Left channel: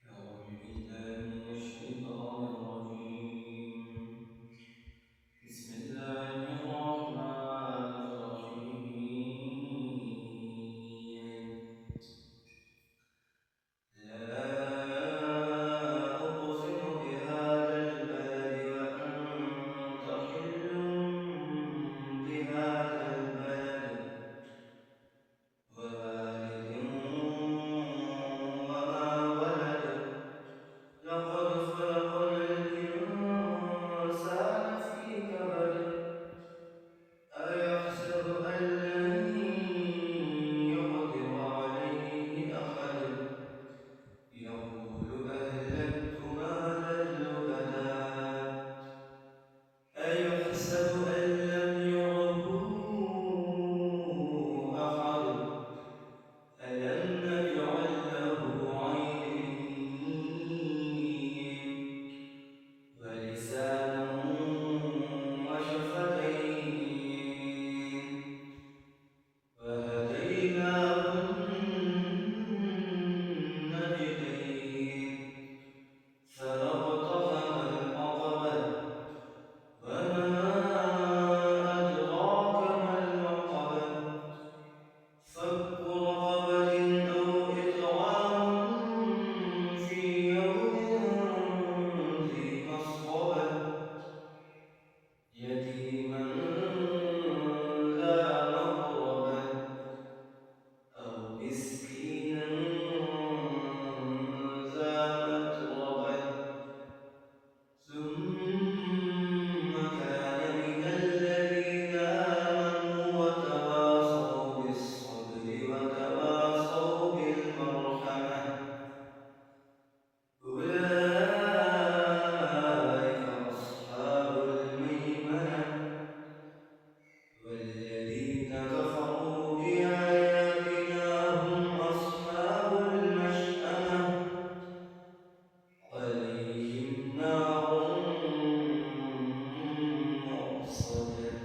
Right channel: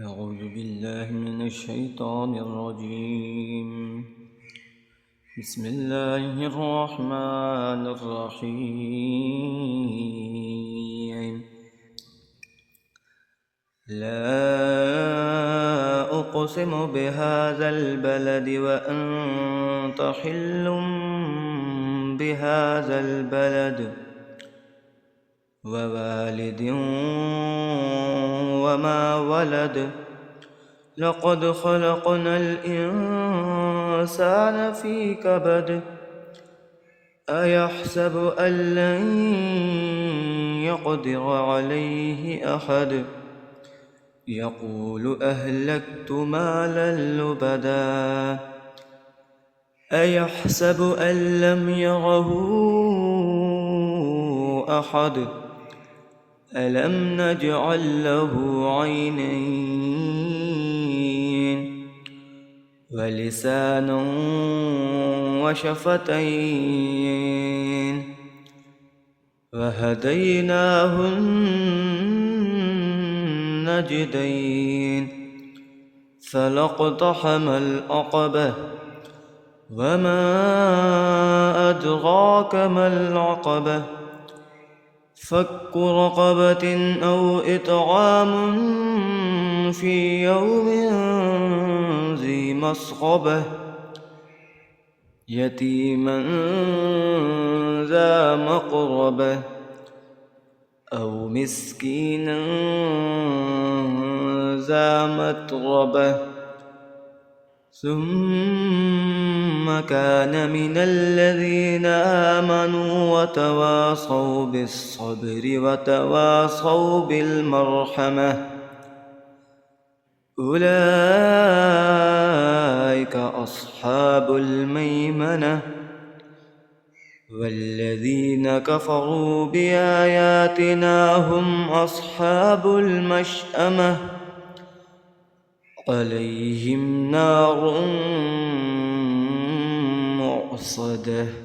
أعوذ بالله من الشيطان الرجيم. بسم الله الرحمن الرحيم. لا أقسم بهذا البلد وأنت حل بهذا البلد ووالد وما ولد لقد خلقنا الإنسان في كبد أيحسب أن لن يقدر عليه أحد يقول أهلكت مالا لبدا أيحسب أن لم يره أحد ألم نجعل له عينين ولسانا وشفتين وهديناه النجدين فلاقتحم العقبة وما أدراك ما العقبة فك رقبة أو إطعام في يوم ذي مسغبة يتيما ذا مقربة أو مسكينا ذا متربة ثم كان من الذين آمنوا وتواصوا بالصبر وتواصوا بالمرحمة أولئك أصحاب الميمنة والذين كفروا بآياتنا هم أصحاب المشأمة عليهم نار مؤصدة.